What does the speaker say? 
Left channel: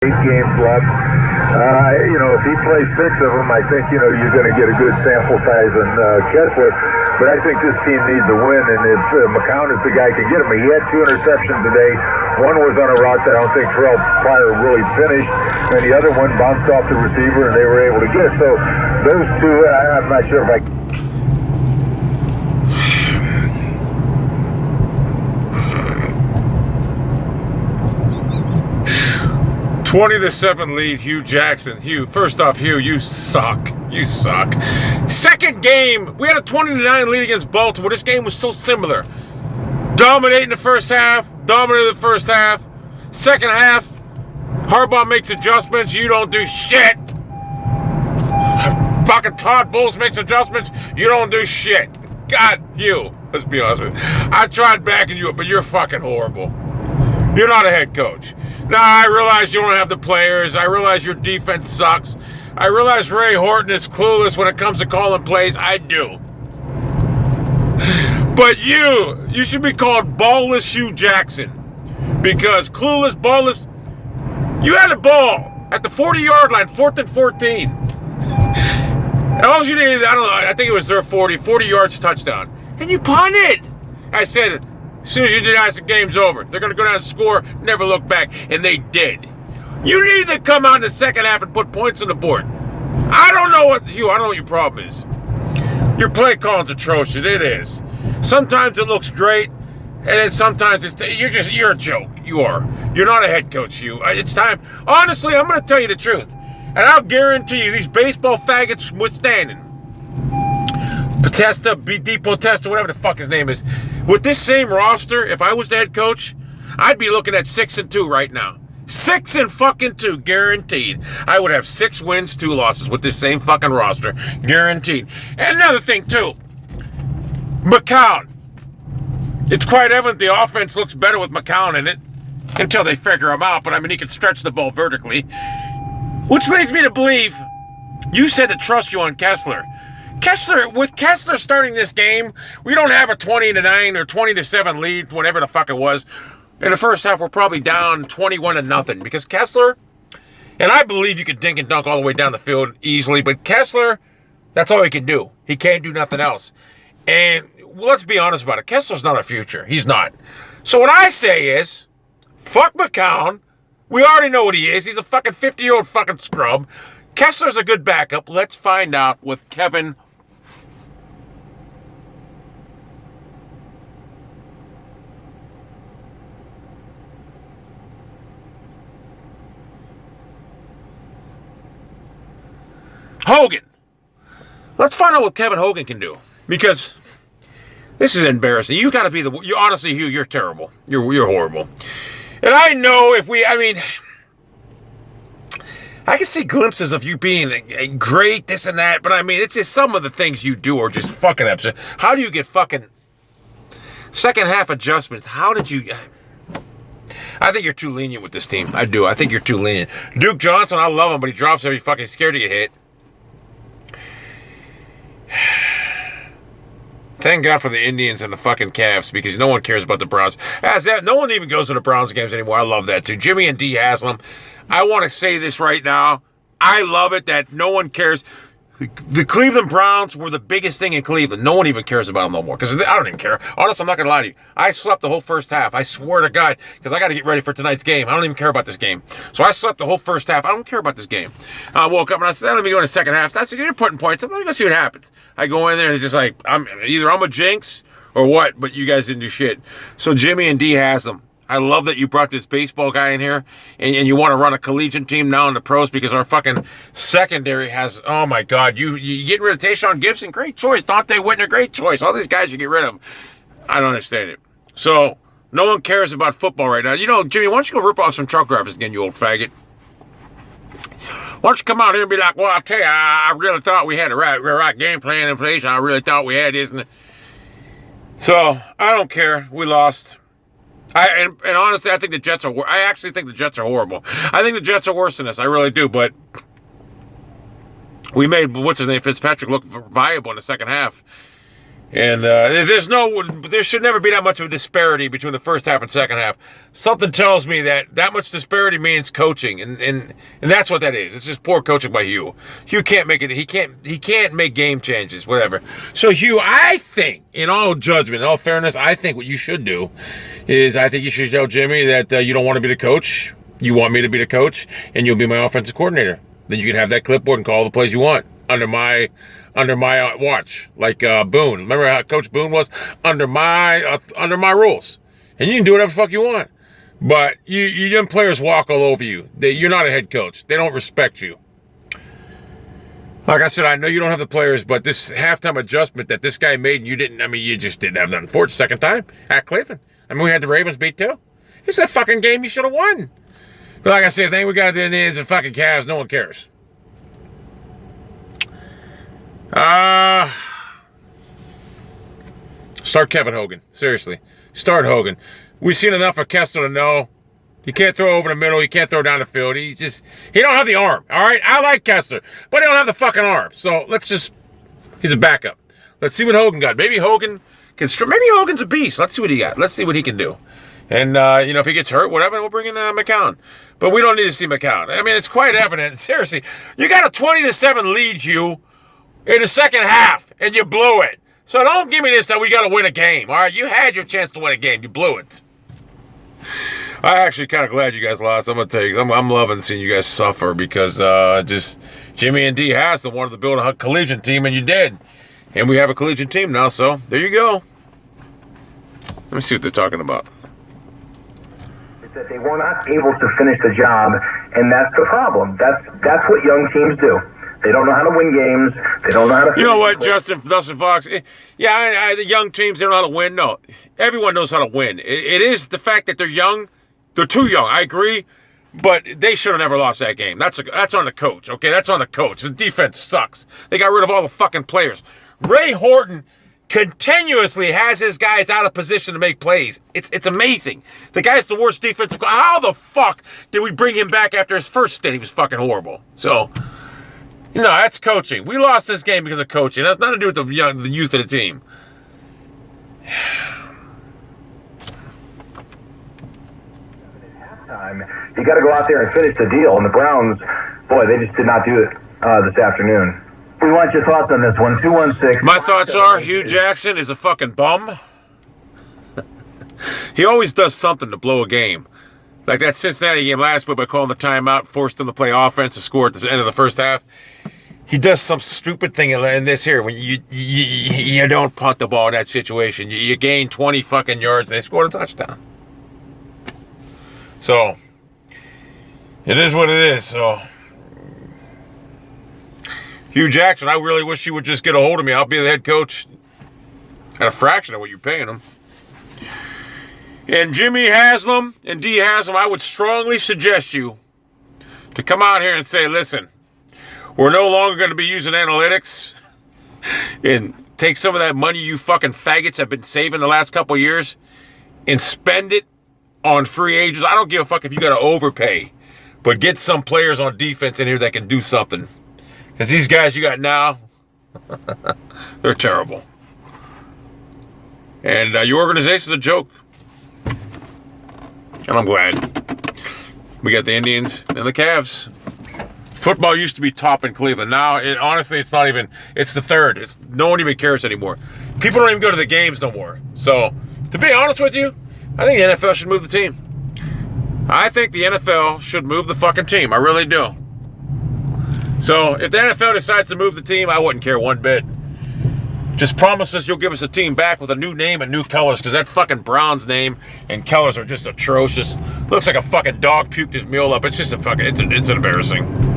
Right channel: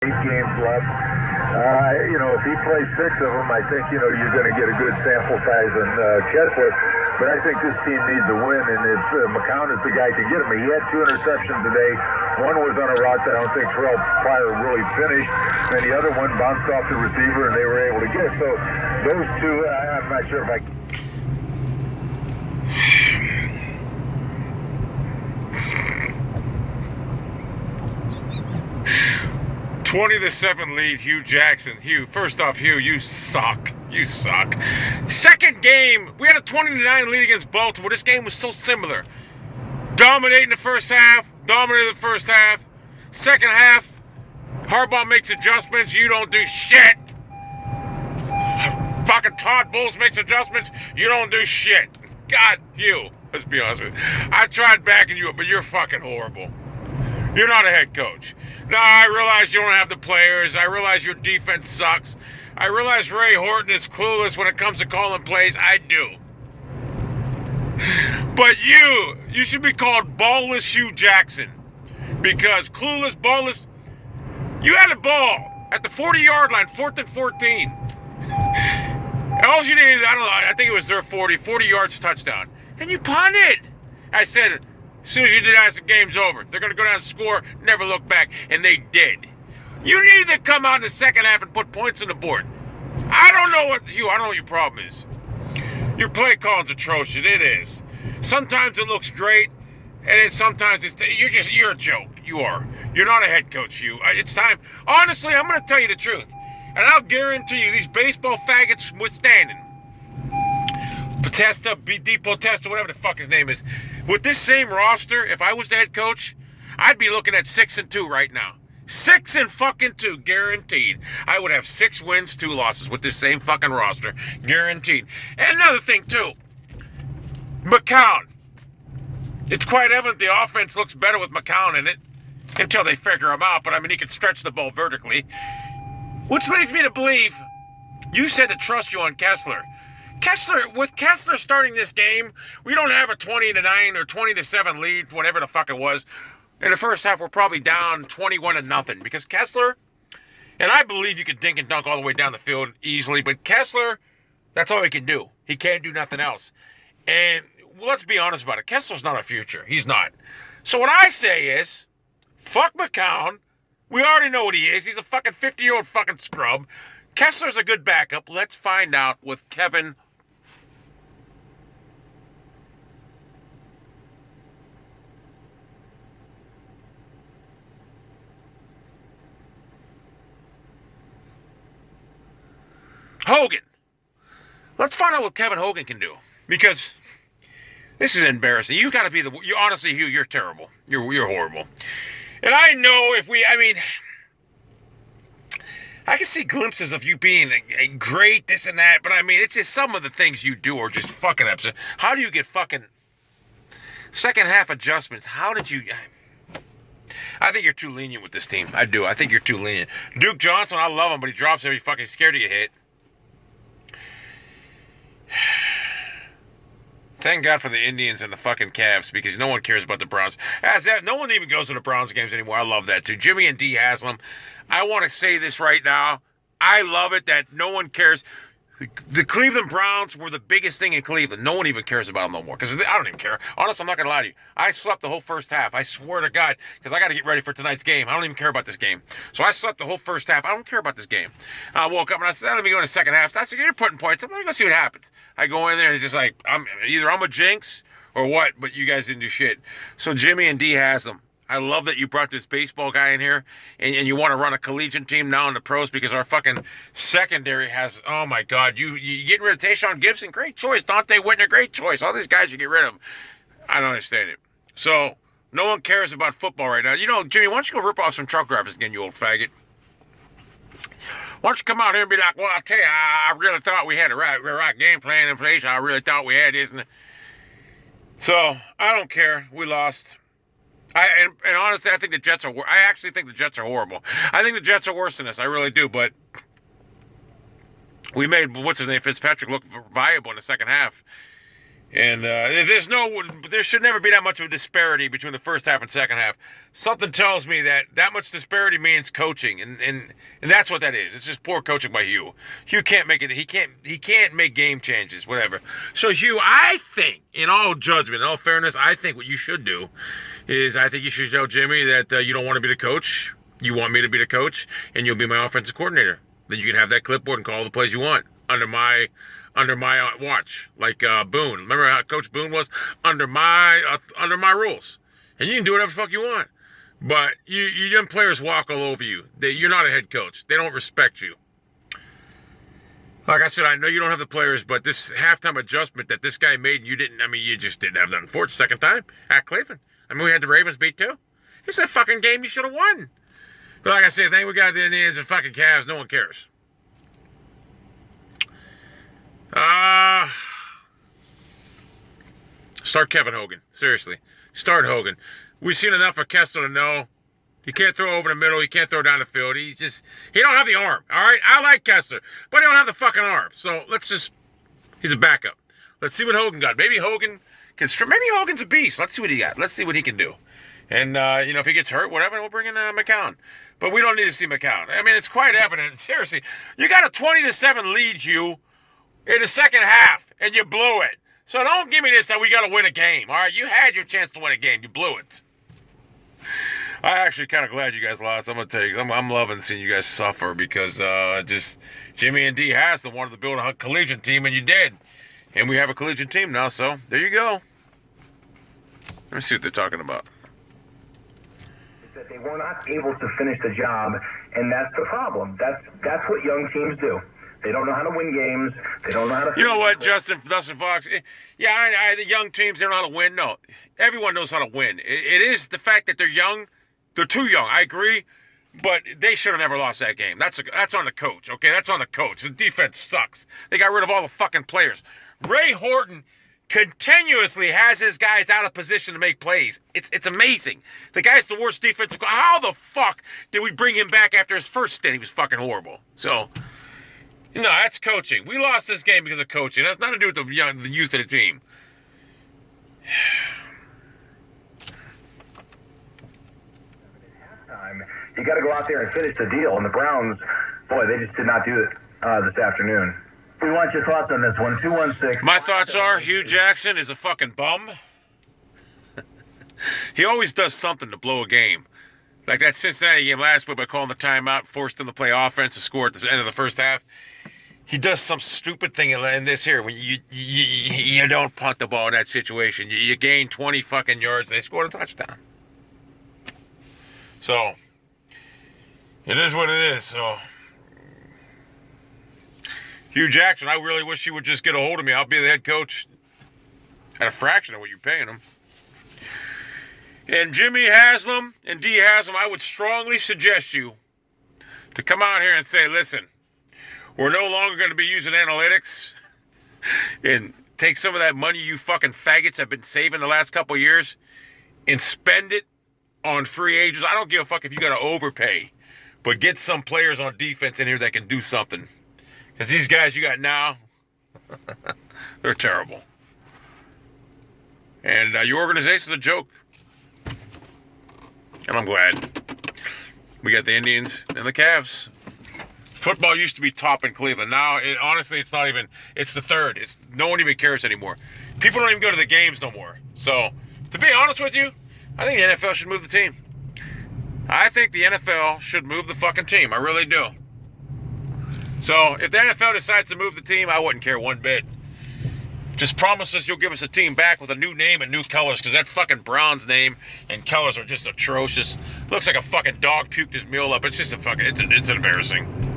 8 games left. If he plays 6 of them, I think, you're going to get a good sample size on Kessler. But I think this team needs a win, and if McCown is the guy who can get him. He had 2 interceptions today. One was on a route that I don't think Terrell Pryor really finished, and the other one bounced off the receiver, and they were able to get it. So those two, I'm not sure if I... 20-7 lead, Hugh Jackson. Hugh, first off, Hugh, you suck. You suck. Second game, we had a 20-9 lead against Baltimore. This game was so similar. Dominating the first half, dominated the first half. Second half, Harbaugh makes adjustments, you don't do shit. Fucking Todd Bowles makes adjustments, you don't do shit. God, Hugh, let's be honest with you. I tried backing you up, but you're fucking horrible. You're not a head coach. Now, I realize you don't have the players. I realize your defense sucks. I realize Ray Horton is clueless when it comes to calling plays. I do. But you should be called Ballless Hugh Jackson. Because clueless, ballless, you had the ball at the 40-yard line, 4th and 14. And all you needed, I don't know, I think it was their 40 yards touchdown. And you punted. I said, as soon as you do that, the game's over. They're going to go down and score, never look back. And they did. You needed to come out in the second half and put points on the board. I don't know what your problem is. Your play calling's atrocious. It is. Sometimes it looks great, and then sometimes you're a joke. You are. You're not a head coach, you. It's time. Honestly, I'm going to tell you the truth. And I'll guarantee you, these baseball faggots withstanding. Potesta, BD Potesta, whatever the fuck his name is. With this same roster, if I was the head coach, I'd be looking at 6-2 right now. 6-2, guaranteed. I would have 6 wins, 2 losses with this same fucking roster, guaranteed. And another thing too, McCown. It's quite evident the offense looks better with McCown in it until they figure him out. But I mean, he can stretch the ball vertically, which leads me to believe you said to trust you on Kessler. With Kessler starting this game, we don't have a 20-9 or 20-7 lead, whatever the fuck it was. In the first half, we're probably down 21-0 because Kessler, and I believe you could dink and dunk all the way down the field easily, but Kessler, that's all he can do. He can't do nothing else. And let's be honest about it. Kessler's not a future. He's not. So what I say is, fuck McCown. We already know what he is. He's a fucking 50-year-old fucking scrub. Kessler's a good backup. Let's find out with Kevin Hogan. Let's find out what Kevin Hogan can do. Because this is embarrassing. You got to be honestly, Hugh, you're terrible. You're horrible. And I know I can see glimpses of you being great, this and that, but I mean, it's just some of the things you do are just fucking upset. How do you get fucking second half adjustments? How did you... I think you're too lenient with this team. I do. I think you're too lenient. Duke Johnson, I love him, but he drops every fucking scared to get hit. Thank God for the Indians and the fucking Cavs because no one cares about the Browns. No one even goes to the Browns games anymore. I love that too. Jimmy and Dee Haslam. I want to say this right now. I love it that no one cares. The Cleveland Browns were the biggest thing in Cleveland. No one even cares about them no more because I don't even care. Honestly, I'm not going to lie to you. I slept the whole first half. I swear to God because I got to get ready for tonight's game. I don't even care about this game. So I slept the whole first half. I don't care about this game. I woke up and I said, let me go in the second half. That's you're putting points up. Let me go see what happens. I go in there and it's just like, I'm a jinx or what, but you guys didn't do shit. So Jimmy and Dee Haslam. I love that you brought this baseball guy in here and you want to run a collegiate team now in the pros because our fucking secondary has, oh my God, you getting rid of Tayshaun Gibson, great choice. Dante Whitner, great choice. All these guys you get rid of. I don't understand it. So no one cares about football right now. Jimmy, why don't you go rip off some truck drivers again, you old faggot? Why don't you come out here and be like, well, I'll tell you, I really thought we had a right game plan in place. I really thought we had this. So I don't care. We lost. And honestly, I think the Jets are. I actually think the Jets are horrible. I think the Jets are worse than us. I really do. But we made Fitzpatrick look viable in the second half. And there should never be that much of a disparity between the first half and second half. Something tells me that much disparity means coaching, and that's what that is. It's just poor coaching by Hugh. Hugh can't make it. He can't make game changes, whatever. So Hugh, I think, in all judgment, in all fairness, I think what you should do is I think you should tell Jimmy that you don't want to be the coach. You want me to be the coach, and you'll be my offensive coordinator. Then you can have that clipboard and call the plays you want under my watch, like Boone. Remember how Coach Boone was under my rules, and you can do whatever the fuck you want. But you young players walk all over you. You're not a head coach. They don't respect you. Like I said, I know you don't have the players, but this halftime adjustment that this guy made, you just didn't have nothing for it the second time at Cleveland. I mean, we had the Ravens beat too. It's a fucking game you should have won. But like I said, the thing we got the Indians and fucking Cavs, no one cares. Start Kevin Hogan. Seriously. Start Hogan. We've seen enough of Kessler to know he can't throw over the middle. He can't throw down the field. He don't have the arm. All right? I like Kessler, but he don't have the fucking arm. So he's a backup. Let's see what Hogan got. Maybe Hogan's a beast. Let's see what he got. Let's see what he can do. And, if he gets hurt, whatever, we'll bring in McCown. But we don't need to see McCown. I mean, it's quite evident. Seriously, you got a 20-7 lead, Hugh, in the second half, and you blew it. So don't give me this that we got to win a game, all right? You had your chance to win a game. You blew it. I'm actually kind of glad you guys lost. I'm going to tell you, I'm loving seeing you guys suffer because just Jimmy and D Haslam wanted to build a collegiate team, and you did. And we have a collegiate team now, so there you go. Let me see what they're talking about. That they were not able to finish the job, and that's the problem. That's what young teams do. They don't know how to win games. They don't know how to. You know what, Dustin Fox? Yeah, the young teams, they don't know how to win. No, everyone knows how to win. It is the fact that they're young. They're too young. I agree, but they should have never lost that game. That's on the coach. Okay, that's on the coach. The defense sucks. They got rid of all the fucking players. Ray Horton continuously has his guys out of position to make plays. It's amazing. The guy's the worst defensive. How the fuck did we bring him back after his first stint? He was fucking horrible. So, no, that's coaching. We lost this game because of coaching. That's nothing to do with the youth of the team. You got to go out there and finish the deal. And the Browns, boy, they just did not do it this afternoon. We want your thoughts on this one. 216. My thoughts are Hugh Jackson is a fucking bum. He always does something to blow a game. Like that Cincinnati game last week by calling the timeout, forced them to play offense to score at the end of the first half. He does some stupid thing in this here when you don't punt the ball in that situation. You gain 20 fucking yards and they scored a touchdown. So, it is what it is. So, Hugh Jackson, I really wish he would just get a hold of me. I'll be the head coach at a fraction of what you're paying him. And Jimmy Haslam and D Haslam, I would strongly suggest you to come out here and say, listen, we're no longer going to be using analytics and take some of that money you fucking faggots have been saving the last couple of years and spend it on free agents. I don't give a fuck if you got to overpay, but get some players on defense in here that can do something. Because these guys you got now, they're terrible. And your organization's a joke. And I'm glad. We got the Indians and the Cavs. Football used to be top in Cleveland. Now, honestly, it's not even, it's the third. No one even cares anymore. People don't even go to the games no more. So, to be honest with you, I think the NFL should move the team. I think the NFL should move the fucking team. I really do. So, if the NFL decides to move the team, I wouldn't care one bit. Just promise us you'll give us a team back with a new name and new colors, because that fucking Browns name and colors are just atrocious. Looks like a fucking dog puked his meal up. It's just it's embarrassing.